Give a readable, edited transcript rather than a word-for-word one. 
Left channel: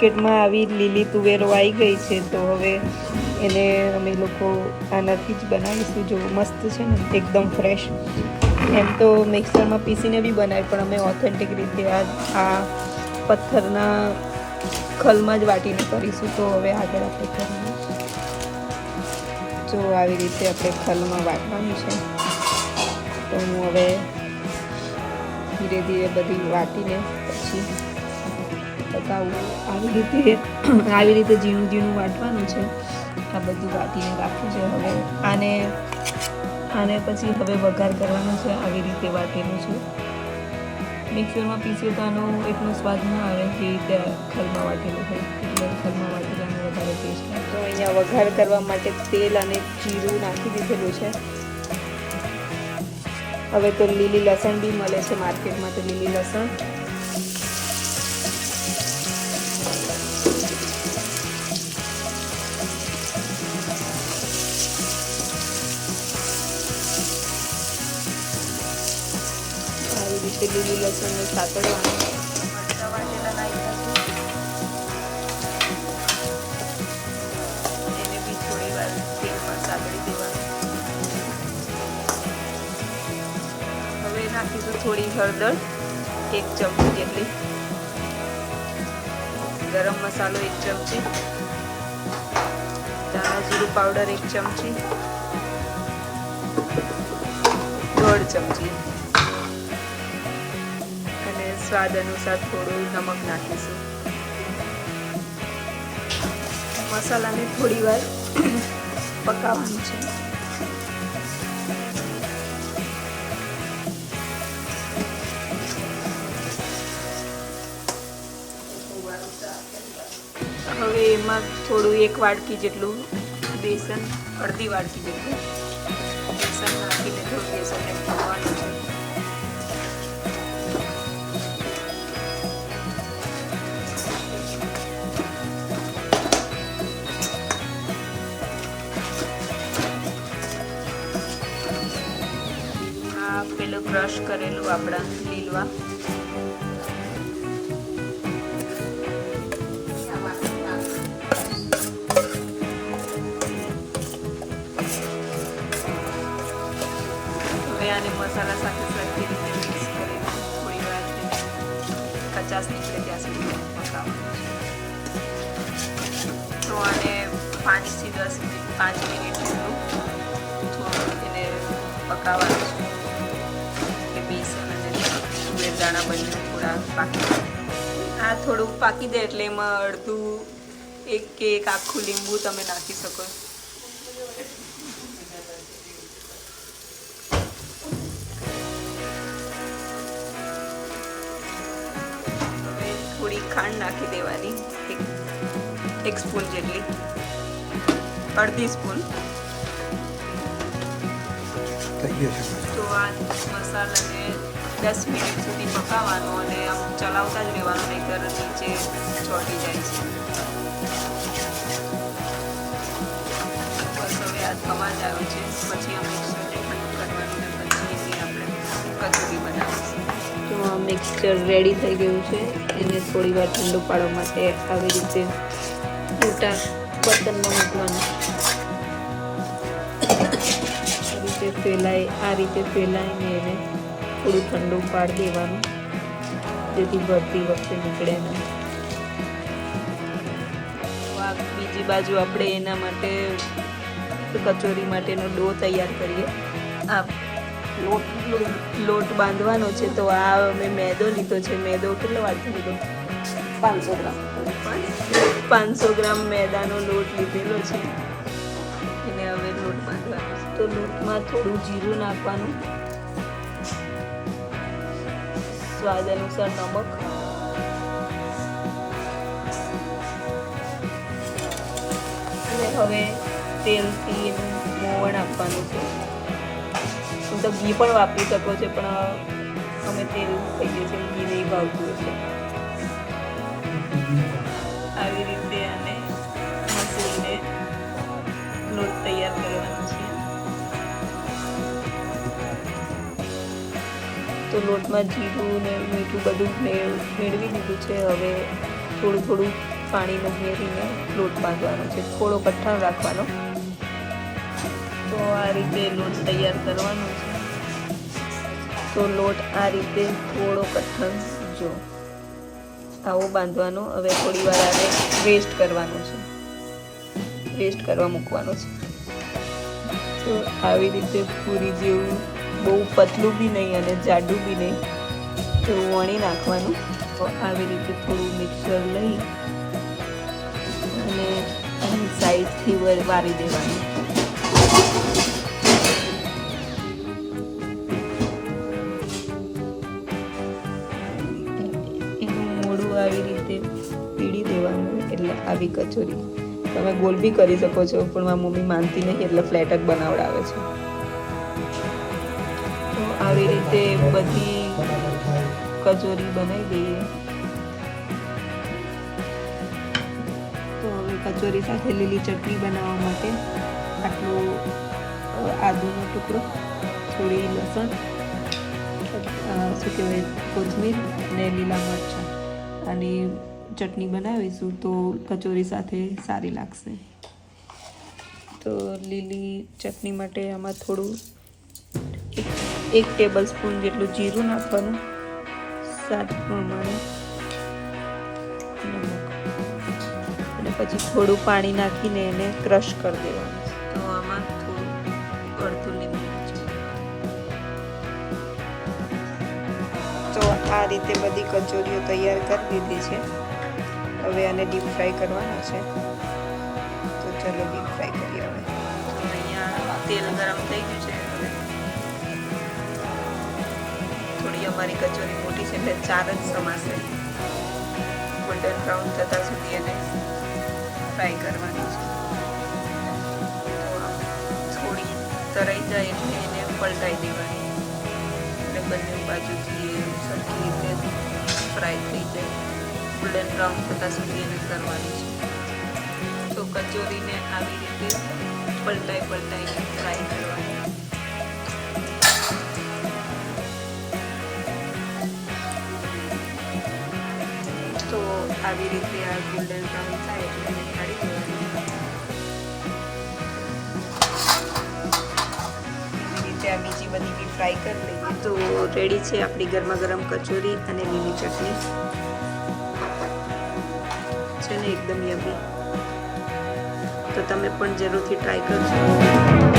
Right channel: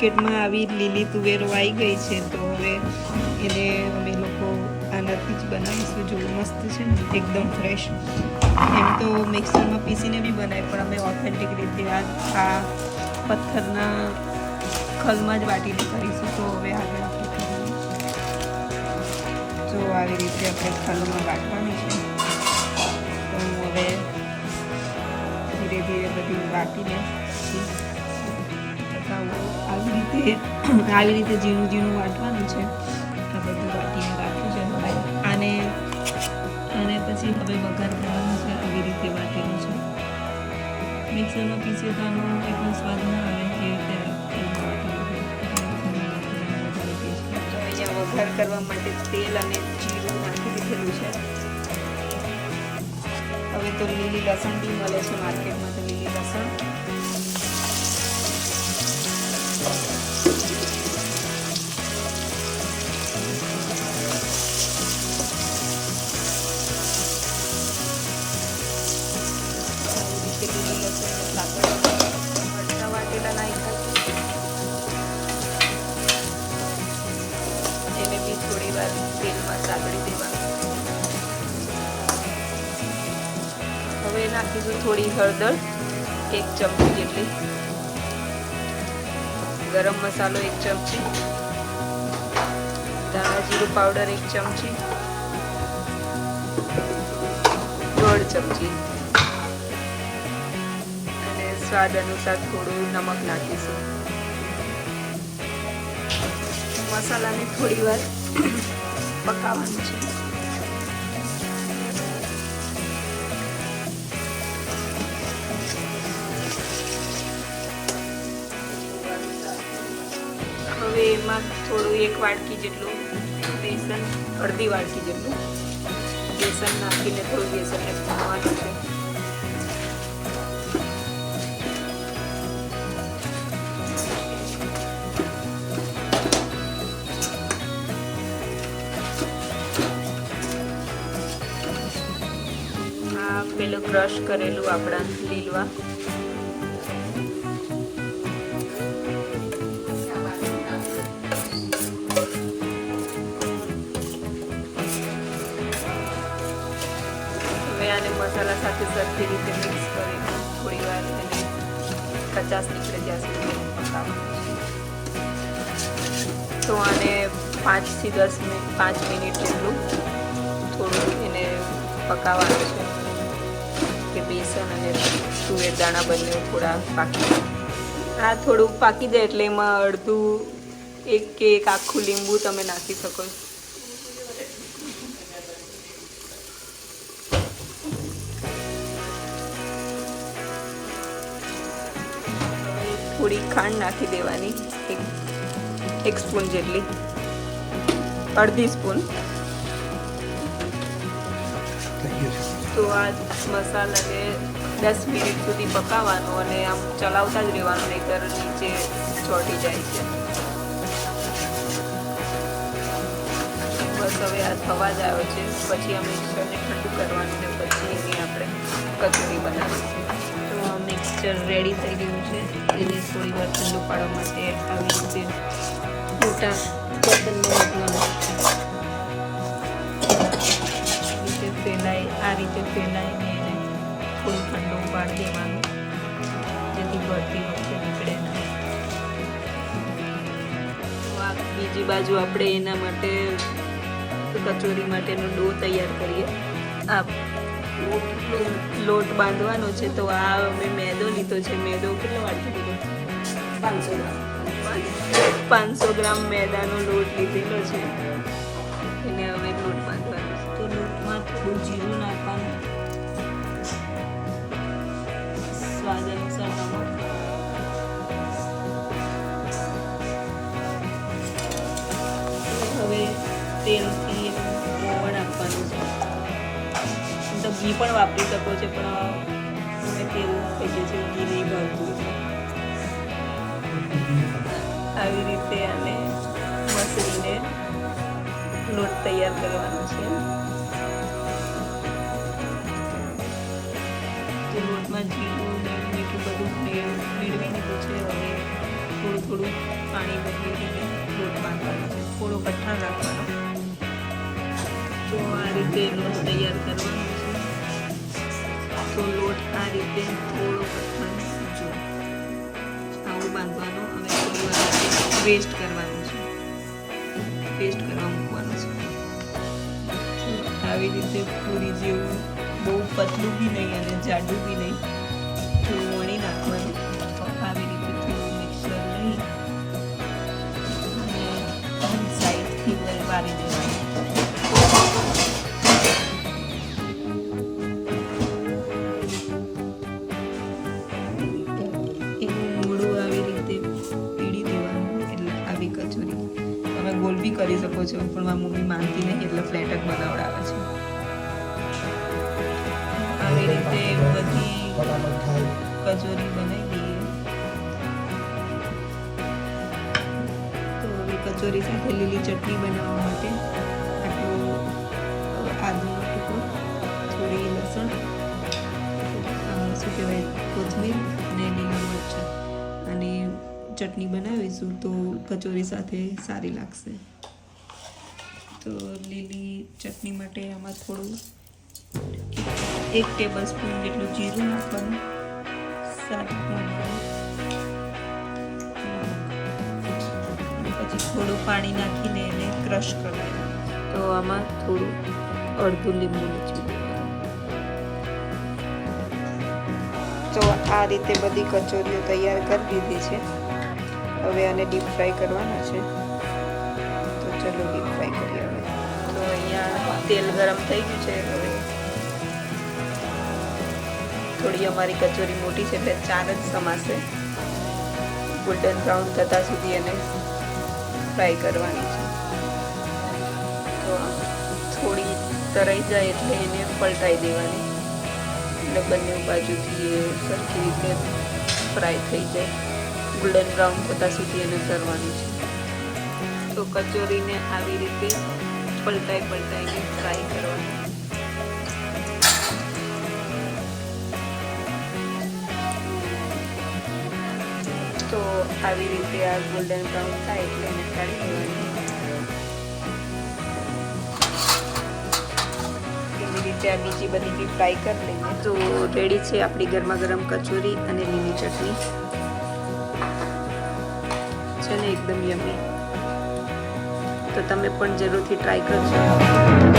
માર્કેટમાં આવી લીલી તુવેરો આવી ગઈ છે, તો હવે એને અમે લોકો આનાથી જ બનાવીશું. જો મસ્ત છે ને, એકદમ ફ્રેશ. એમ તો મિક્સરમાં પીસીને બી બનાવે, પણ અમે ઓથેન્ટિક રીતે આ પથ્થરના ખલમાં જ વાટીને કરીશું. તો હવે આગળ આપણે કરીએ. જો આવી રીતે આપણે ખલમાં વાટવાની છે. તો હું હવે ધીરે ધીરે બધી વાટીને પછી બતાવું. આવી રીતે ઝીણું ઝીણું વાટવાનું છે. આ બધું વાટીને રાખ્યું છે. હવે આને પછી હવે વઘાર કરવાનો છે. આવી રીતે વાટેલું છે. મિક્સરમાં પીસીએ તો આનો એટલો સ્વાદ ના આવે જે રીતે ખલમાં વાટેલું હોય, એટલે ખલમાં વાટેલાનો વધારે ટેસ્ટ આવે. તો અહીંયા વઘાર કરવા માટે તેલ અને જીરું નાખી દીધેલું છે. હવે તો લીલી લસણ બી મળે છે માર્કેટમાં, તો લીલી લસણ લીલી લસણની સાથે મરચાં વાટેલા નાખ્યા છે. એને બી થોડી વાર તેલમાં સાગળી દેવાનું. હવે નાખીશું થોડી હળદર, 1 ચમચી જેટલી, ગરમ મસાલો 1 ચમચી, ધાણા જીરું પાવડર 1 ચમચી, 1.5 ચમચી, અને સ્વાદ અનુસાર થોડું નમક નાખીશું. મસાલાને થોડી વાર પકાવવાનું છે. હવે એમાં થોડું 1 વાટકી જેટલું બેસન, અડધી વાટકી જેટલું બેસન નાખીને થોડું બેસનને ભૂનવાનું છે. આ પેલું ક્રશ કરેલું આપણા લીલવા, આને મસાલા સાથે સરખી રીતે મિક્સ કરીને થોડી વાર એને કચાશ નીકળે ત્યાં સુધી પકાવવાનું છે. તો આને 5 થી 5 મિનિટ જેટલું થોડું એને પકાવવાનું છે કે બેસન અને તુવેર દાણા બંને થોડા પાકી જાય. આ થોડું પાકી જાય એટલે એમાં અડધું એક આખું લીંબુ તમે નાખી શકો. થોડી ખાંડ નાખી દેવાની, 1 સ્પૂન જેટલી, અડધી સ્પૂન. તો આ મસાલાને 10 મિનિટ સુધી પકાવવાનો અને આમ ચલાવતા જ રહેવાનું, નહીંતર નીચે ચોંટી જાય છે. બસ હવે આ થવા જ આવ્યો છે. પછી આ મિક્સરને ઠંડુ કરવાનું ને પછી એની આપણે કચોરી બનાવીશું. મિક્સચર રેડી થઈ ગયું છે. એને થોડી વાર ઠંડુ પાડવા માટે આવી રીતે મોટા બર્તનમાં મૂકવાનું. આ રીતે ફેલાઈને એને થોડું ઠંડુ પાડી દેવાનું, જેથી ભરતી વખતે નીકળે ના. આ બીજી બાજુ આપણે એના માટે કચોરી માટેનો ડો તૈયાર કરીએ. આ લોટ બાંધવાનો છે. તો આ અમે મેદો લીધો છે. મેદો કેટલો વાટકી લીધો? 500 ગ્રામ મેદાનો લોટ લીધેલો છે. એને હવે લોટ બાંધવાનો છે. તો લોટમાં થોડું જીરું નાખવાનું, સ્વાદ અનુસાર નમક, હવે તેલથી મોવણ આપવાનું છે. તો ઘી પણ વાપરી શકો છો, પણ અમે તેલ થઈ ગયું છે, ઘી નહીં ભાવતું છે. આવી રીતે અમે મસળીને લોટ તૈયાર કરવાનો છે. તો લોટમાં જીરું ને મીઠું બધું મેળવી દીધું છે. હવે થોડું થોડું પાણી ઉમેરીને લોટ બાંધવાનો છે. થોડો કઠણ રાખવાનો. તો આ રીતે લોટ તૈયાર કરવાનો છે. તો લોટ આ રીતે થોડો કઠણ જો આવો બાંધવાનો. હવે થોડી વાર આને રેસ્ટ કરવાનું છે. રેસ્ટ કરવા મૂકવાનો છે. તો આવી રીતે પૂરી જેવું બહુ પતલું બી નહીં અને જાડું બી નહીં થોડું વણી નાખવાનું. તો આવી રીતે થોડું મિક્સર લઈ અને સાઈડથી વારી દેવાનું. એનું મોઢું આવી રીતે પીડી દેવાનું. એટલે આવી કચોરી તમે ગોલ બી કરી શકો છો, પણ મારી મમ્મી માનતી નહીં એટલે ફ્લેટ જ બનાવડાવે છે. તો આવી રીતે બધી કચોરી બનાવી દઈએ. તો હવે કચોરી સાથે લીલી ચટણી બનાવવા માટે આટલું આદુનો ટુકડો, થોડી લસણ, શું કહેવાય કોથમીર અને લીલા મરચાં અને ચટણી બનાવીશું તો કચોરી સાથે સારી લાગશે. તો લીલી ચટણી માટે આમાં થોડું 1 ટેબલ સ્પૂન જેટલું જીરું નાખવાનું, સ્વાદ પ્રમાણે, અને પછી થોડું પાણી નાખીને એને ક્રશ કરી દેવાનું. તો આમાં થોડું અડધું લીંબુ નીચું દેવાનું. તો આ રીતે બધી કચોરીઓ તૈયાર કરી દીધી છે. હવે આને ડીપ ફ્રાય કરવાના છે. તો ચલો ડીપ ફ્રાય કરીએ હવે. તો અહીંયા તેલ ગરમ થઈ ગયું છે. હવે થોડી અમારી કચોરી મોટી છે એટલે 4 જ સમાશે. ગોલ્ડન બ્રાઉન થતા સુધી એને ફ્રાય કરવાની છે. તો થોડી તરાઈ જાય એટલે એને પલટાઈ દેવાની, એટલે બંને બાજુથી એ સરખી રીતે ફ્રાય થઈ જાય. ગોલ્ડન બ્રાઉન થતા સુધી એને કરવાની છે. તો કચોરીને આવી રીતે પલટાઈને ફ્રાય કરવાની. તો આવી રીતે આ ગોલ્ડન બ્રાઉન થાય એટલે એને કાઢી દેવાની. એવી રીતે આ બીજી બધી બી ફ્રાય કરી લઈએ. તો રેડી છે આપણી ગરમા ગરમ કચોરી અને લીલી ચટણી છે ને, એકદમ યમી. તો તમે પણ જરૂરથી ટ્રાય કરજો.